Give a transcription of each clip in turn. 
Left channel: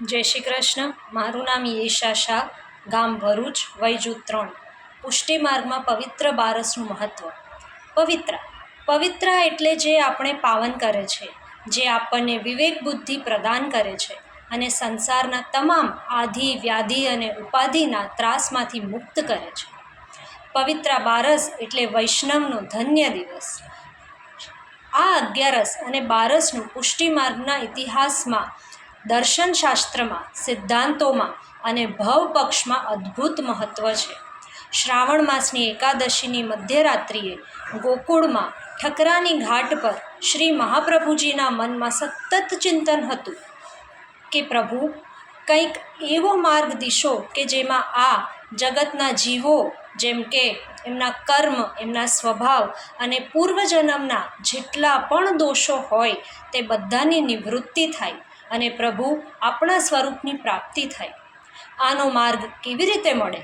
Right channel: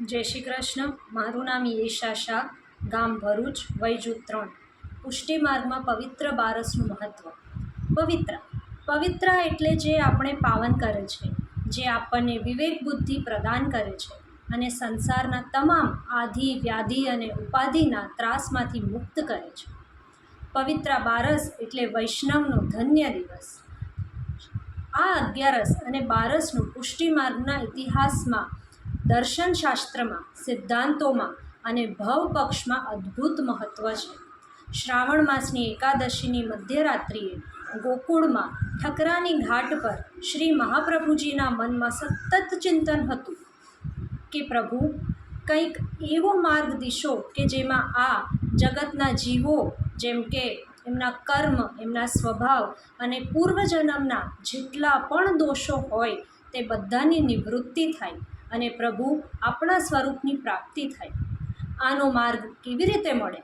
જય શ્રી કૃષ્ણ. મારું નામ યેશા શાહ, ગામ ભરૂચ, વય જૂથ 3. પુષ્ટિ માર્ગમાં પવિત્ર બારસનું મહત્ત્વ. પવિત્ર એટલે જે આપણે પાવન કરે છે, જે આપણને વિવેક બુદ્ધિ પ્રદાન કરે છે અને સંસારના તમામ આધિ વ્યાધિ અને ઉપાધિના ત્રાસમાંથી મુક્ત કરે છે. પવિત્ર બારસ એટલે વૈષ્ણવનો ધન્ય દિવસ. આ 11 અને બારસનું પુષ્ટિ માર્ગના ઇતિહાસમાં, દર્શનશાસ્ત્રમાં, સિદ્ધાંતોમાં અને ભવપક્ષમાં અદ્ભુત મહત્ત્વ છે. શ્રાવણ માસની એકાદશીની મધ્યરાત્રિએ ગોકુળમાં ઠકરાની ઘાટ પર શ્રી મહાપ્રભુજીના મનમાં સતત ચિંતન હતું કે પ્રભુ, કંઈક એવો માર્ગ દિશો કે જેમાં આ જગતના જીવો, જેમ કે એમના કર્મ, એમના સ્વભાવ અને પૂર્વજન્મના જેટલા પણ દોષો હોય તે બધાની નિવૃત્તિ થાય અને પ્રભુ આપણા સ્વરૂપની પ્રાપ્તિ થાય. આનો માર્ગ કેવી રીતે મળે?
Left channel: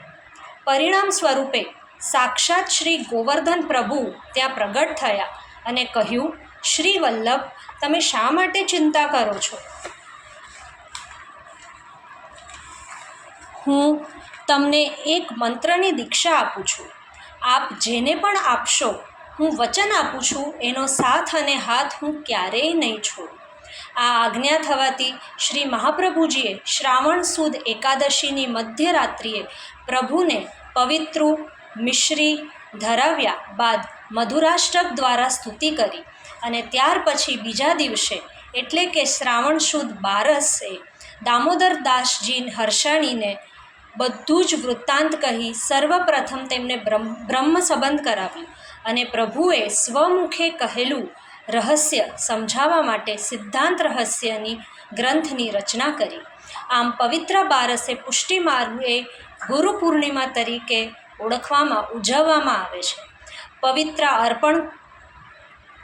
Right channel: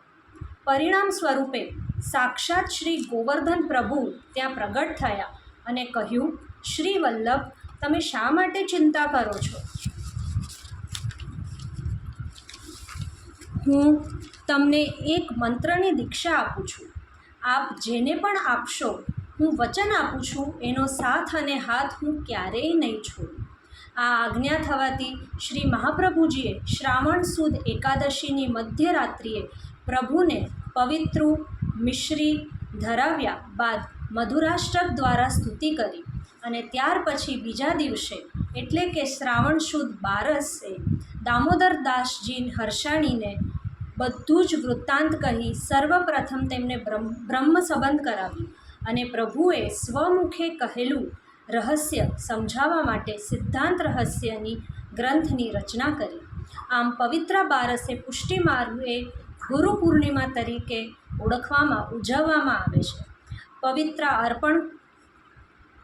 પરિણામ સ્વરૂપે સાક્ષાત શ્રી ગોવર્ધન પ્રભુ ત્યાં પ્રગટ થયા અને કહ્યું, શ્રી વલ્લભ, તમે શા માટે ચિંતા કરો છો? હું તમને એક મંત્રની દીક્ષા આપું છું. આપ જેને પણ આપશો, હું વચન આપું છું, એનો સાથ અને હાથ હું ક્યારેય નહીં છોડું. આ આજ્ઞા થવાથી શ્રી મહાપ્રભુજીએ શ્રાવણ સુદ એકાદશીની મધ્યરાત્રિએ પ્રભુને પવિત્રું મિશ્રી ધરાવ્યા બાદ મધુરાષ્ટક દ્વારા સ્તુતિ કરી અને ત્યાર પછી બીજા દિવસે એટલે કે શ્રાવણ સુદ બારસે દામોદરદાસજી હર્ષાણીને બધું જ વૃત્તાંત કહી સર્વપ્રથમ તેમને બ્રહ્મ સંબંધ કરાવ્યું અને પ્રભુએ સ્વમુખે કહેલું રહસ્ય સમજાવવા માટે સિદ્ધાંત રહસ્યની ગ્રંથની રચના કરી. આમ પવિત્ર બારસે પુષ્ટિ માર્ગે ગુરુ પૂર્ણિમા તરીકે ઉજવવામાં આવે છે.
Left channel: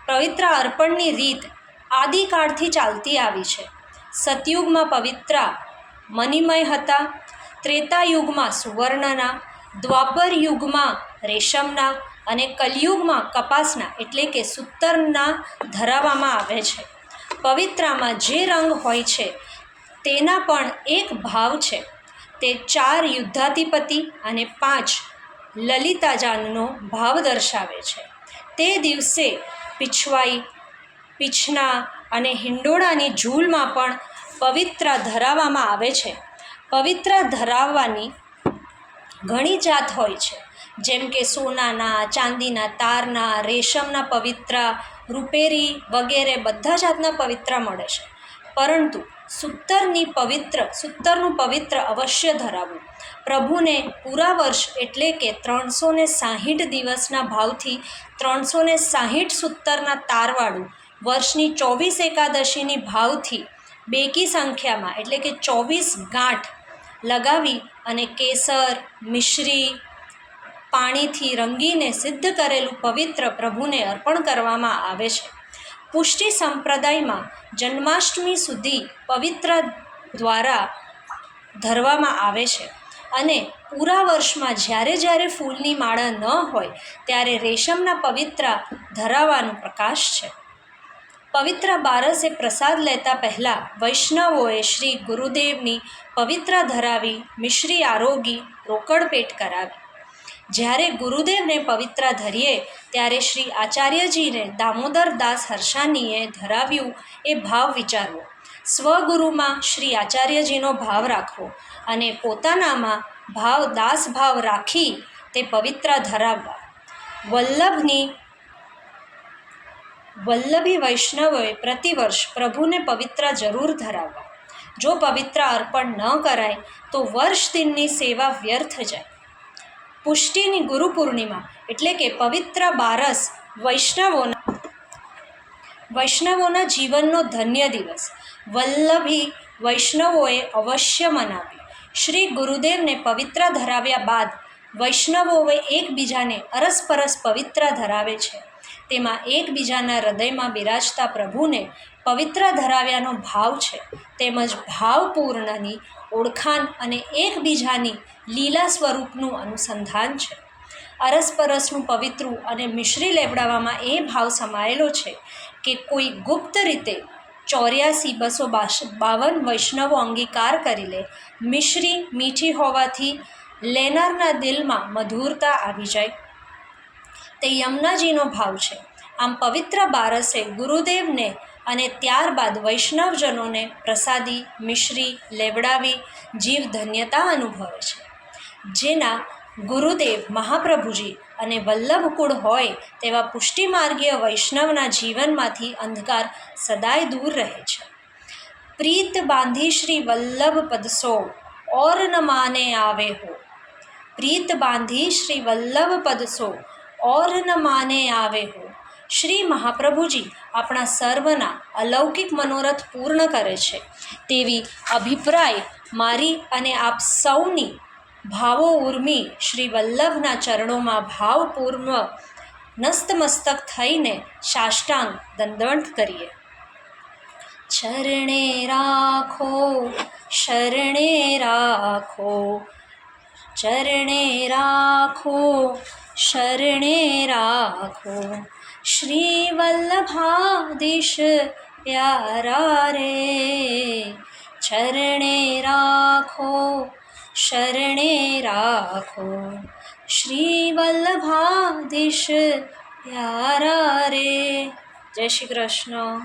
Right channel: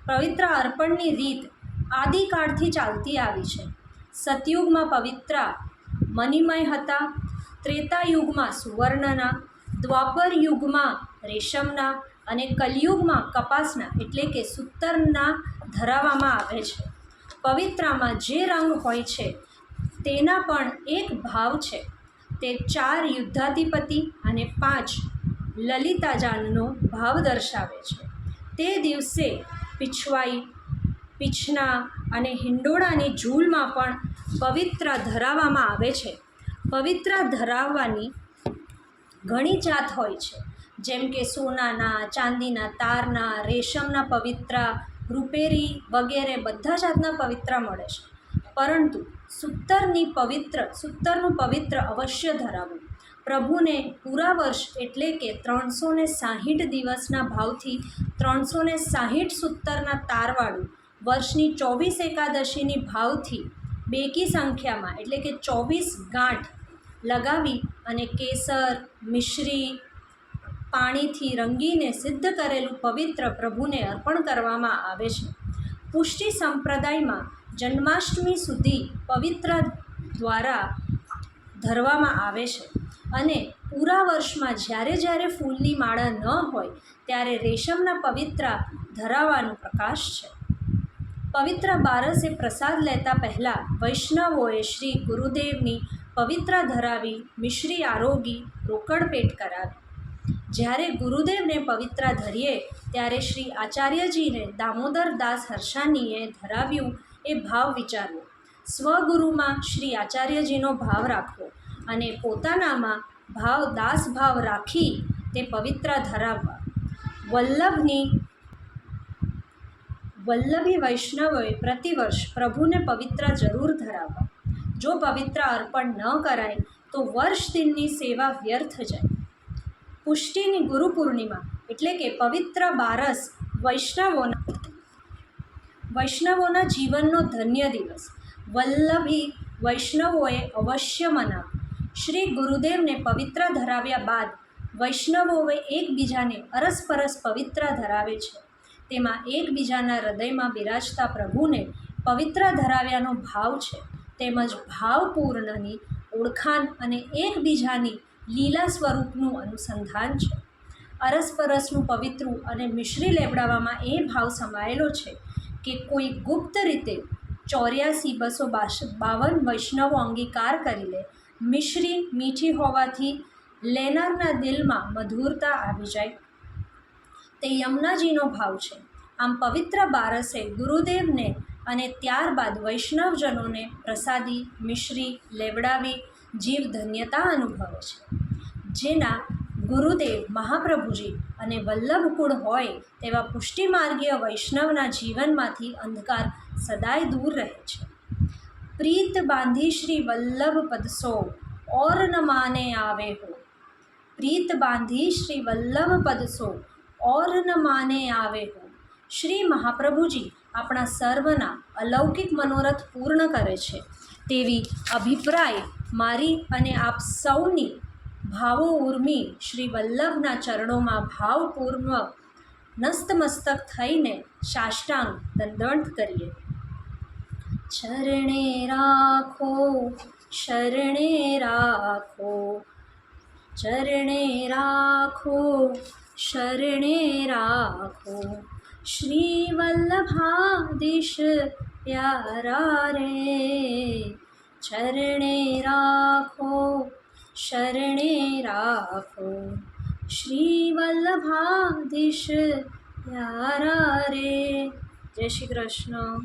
પવિત્ર અર્પણની રીત આદિકાળથી ચાલતી આવી છે. સતયુગમાં પવિત્ર મણિમય હતા, ત્રેતાયુગમાં સુવર્ણના, દ્વાપર યુગમાં રેશમના અને કલયુગમાં કપાસના એટલે કે સૂતરના ધરાવવામાં આવે છે. પવિત્રામાં જે રંગ હોય છે તેના પણ એક ભાવ છે. તે 4 યુદ્ધાધિપતિ અને 5 લલિતાજાનનો ભાવ દર્શાવે છે. તે દિવસે પીછવાઈ, પીછના અને હિંડોળાની ઝૂલમાં પણ પવિત્ર ધરાવવામાં આવે છે. પવિત્ર ધરાવવાની ઘણી જાત હોય છે, જેમ કે સોનાના, ચાંદીના તારના, રેશમના પવિત્ર, રૂપેરી વગેરે બધા જાતના પવિત્ર મળે છે. પરંતુ સૂતરનું પવિત્ર અવશ્ય ધરાવવું. પ્રભુને પૂરા વર્ષ એટલે કે 360 દિવસના ભાવથી 360 સૂતરના તારવાળું, વર્ષની 24 એકાદશીની ભાવથી બેકી સંખ્યામાં એટલે કે 24 ગાંઠ લગાવી અને કેસર, મિશ્રી, પાણીથી રંગીને સિદ્ધ કરેલું પવિત્ર પ્રભુને અર્પણ કરવામાં આવે છે. પુષ્ટિ સંપ્રદાયમાં જન્માષ્ટમી સુધી પવિત્ર દ્વારા ધરવામાં આવે છે અને પૂરા વર્ષમાં જ્યારે ફૂલની માળા ન હોય ત્યારે રેશમના પવિત્ર ધરાવવાનું પ્રકાશ છે. પવિત્ર બારસે પ્રસાદ લેતા પહેલાં વૈષ્ણવોએ શ્રી ગુરુદેવની પવિત્ર ધરાવી મિશ્રી આરોગી રોકડ પેટ કરાવી. જ્યારે ગુરુદેવને પવિત્ર ધરીએ ત્યારે શ્રી આચાર્યજીને દામોદરદાસ હર્ષાણીએ ધરાવ્યું એ ભાવ વિચારવો. સ્વગુરુમાં શ્રી આચાર્યજીનો ભાવ રાખવો અને પોતાનામાં દાસભાવ રાખી તે પવિત્ર ધરાવવા. વલ્લભી વૈષ્ણવોએ પ્રતિવર્ષ પ્રભુને પવિત્ર જરૂર ધરાવવા. જો પવિત્ર અર્પણ ન કરાય તો વર્ષ દિનની સેવા વ્યર્થ જાય. પુષ્ટિની ગુરુ પૂર્ણિમા એટલે કે પવિત્ર બારસ વૈષ્ણવોના જીવનનો ધન્ય દિવસ. વલ્લભી વૈષ્ણવોએ અવશ્ય મનાવી. શ્રી ગુરુદેવને પવિત્ર ધરાવ્યા બાદ વૈષ્ણવોએ એકબીજાને અરસપરસ પવિત્ર ધરાવે છે. તેમાં એકબીજાના હૃદયમાં બિરાજતા પ્રભુને પવિત્ર ધરાવ્યાનો ભાવ છે, તેમજ ભાવપૂર્ણની ઓળખાણ અને એકબીજાની લીલા સ્વરૂપનું અનુસંધાન છે. અરસપરસનું પવિત્રું અને મિશ્રી લેવડાવવામાં એ ભાવ સમાયેલો છે કે કોઈ ગુપ્ત રીતે ₹84,252 વૈષ્ણવો અંગીકાર કરી લે. મિશ્રી મીઠી હોવાથી લેનારના દિલમાં મધુરતા આવી જાય. તે યમુનાજીનો ભાવ છે. આમ પવિત્ર બારસે ગુરુદેવને અને ત્યારબાદ વૈષ્ણવજનોને પ્રસાદી મિશ્રી લેવડાવી જીવ ધન્યતા અનુભવે છે. જેના ગુરુદેવ મહાપ્રભુજી અને વલ્લભકુળ હોય તેવા પુષ્ટિમાર્ગીય વૈષ્ણવના જીવનમાંથી અંધકાર સદાય દૂર રહે છે. પ્રીત બાંધી શ્રી વલ્લભ પદસો ઓર ન માને આવે હો. પ્રીત બાંધી શ્રી વલ્લભ પદસો ઓર ન માને આવે હો. શ્રી મહાપ્રભુજી આપણા સર્વના અલૌકિક મનોરથ પૂર્ણ કરે છે તેવી અભિપ્રાય મારી અને આપ સૌની ભાવો ઉર્મી શ્રી વલ્લભના ચરણોમાં ભાવપૂર્વ નસ્તમસ્તક થઈને સાષ્ટાંગ દંડવત કરીએ. ચરણે રાખો શરણે રાખો, ચરણે રાખો શરણે રાખો, શ્રી વલ્લભાધીશ પ્યારા રે. ચરણે રાખો શરણે રાખો, શ્રી વલ્લભાધીશ પ્યારા રે. જય શ્રી કૃષ્ણ.